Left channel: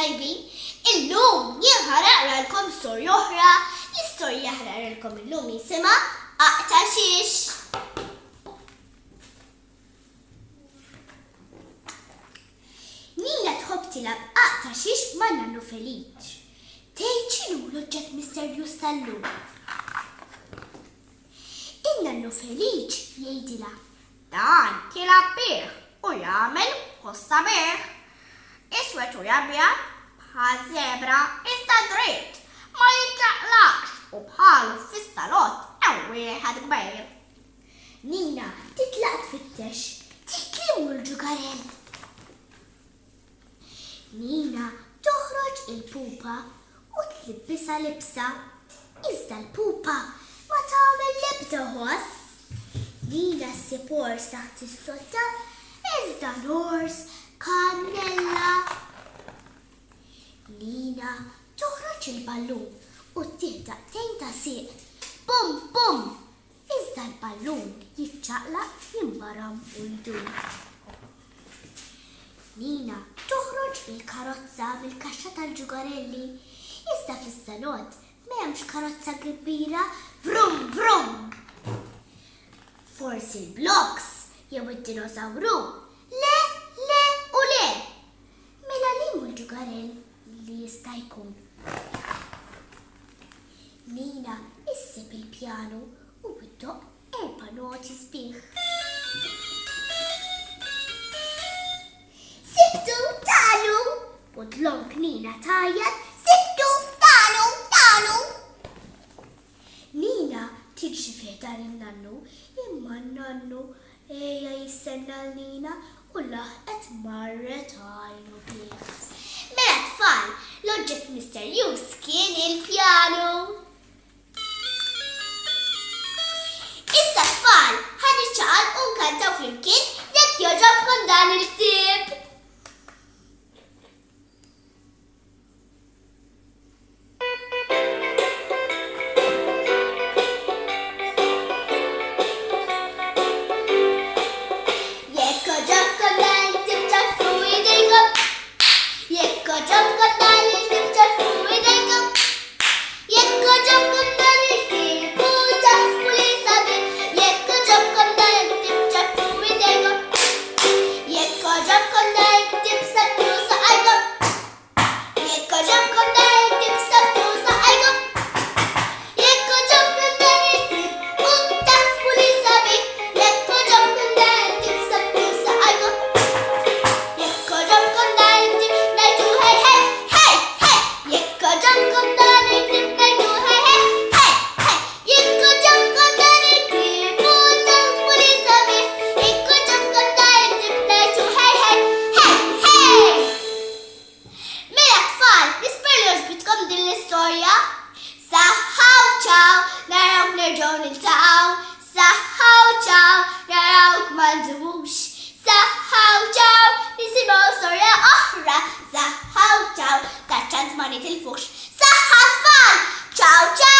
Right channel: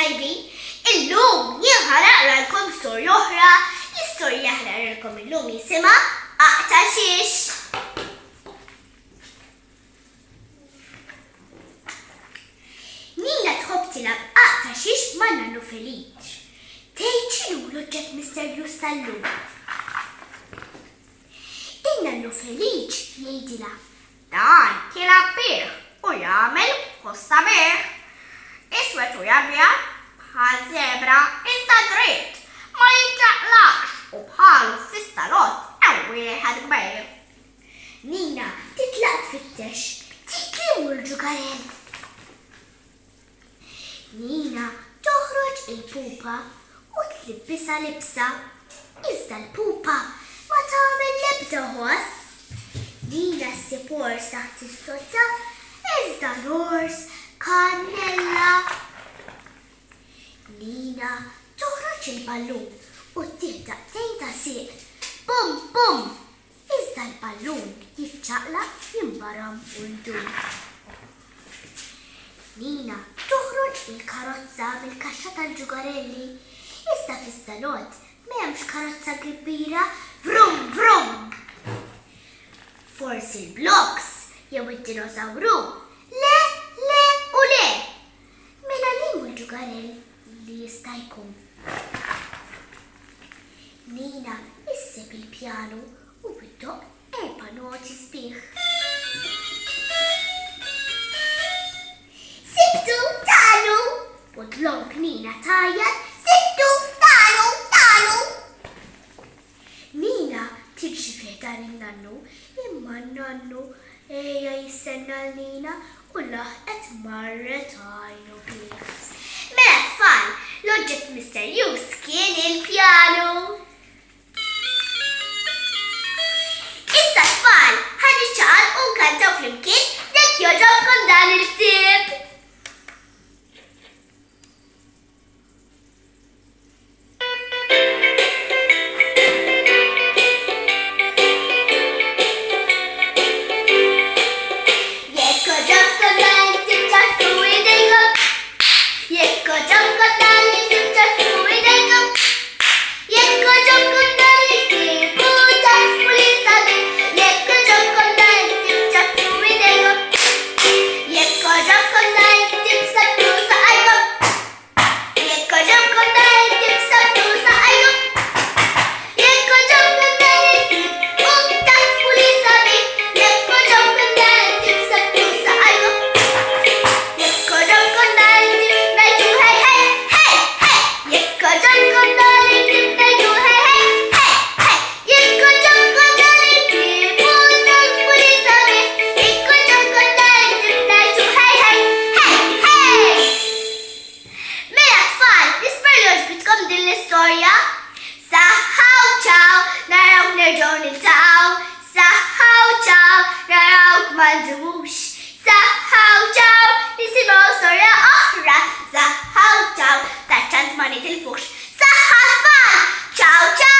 tajbin, illum jien ħanaqralkom storja oħra, l-istorja ħanaqralkom illum jisimha Aqtaxix. Nina tħobb tilgħab Aqtaxix ma' Nannu Feliċ. Tgħid x'inhu l-oġġett misterjuż tal-lum. In-Nannu Feliċ jgħidilha dan tilgħab bih u jagħmel ħossa bih. Iswed u abjad bħal żebra iżda dritt ma jinċaqlax u bħalu fis-salott hemm wieħed kbir. Nina titlaq tfittex tiklimu l-ġugarell. Nina toħroġ il-pupa u tlibbisha libsa. Iżda l-pupa ma tagħmel l-ebda ħoss. Nina ssib ors taħt is-sotta iżda l-ors kannella. Nina toħroġ il-ballun u tieħ daqtejn ta' sieq. Bum bum! Iżda l-ballun jiċċaqlaq jinbaram u jdum. Nina toħroġ il-karozza mill-kaxxa tal-ġugarelli. Iżda fis-salott m'hemmx karozza kbira vrum vrum. Forsi l-bloks jew id-dinosawru. Le, le u le. Mela liemu l-ġugarell li jista' jkun. Nina issib il-pjanu u biddoq 4 noti sbieħ. Sibtu talu! U tlonk Nina tajjat, sibtu talu, talu! Nina tiġi fiħdan il-Nannu, imma n-Nannu eja jistenna l-Nina u laħqet marret għajnu bih. Mela tfal, l-oġġett misterjuż kien il-pjanu. Issa tfal, ħaniċċaqal u nkantaw flimkien jekk jogħġobkom dan il-ktieb. Saħħaw ċaw, nisimgħu storja oħra. Saħħaw ċaw, taċ-ċans ma nitilfux. Saħħa tfal, ċaw ċaw!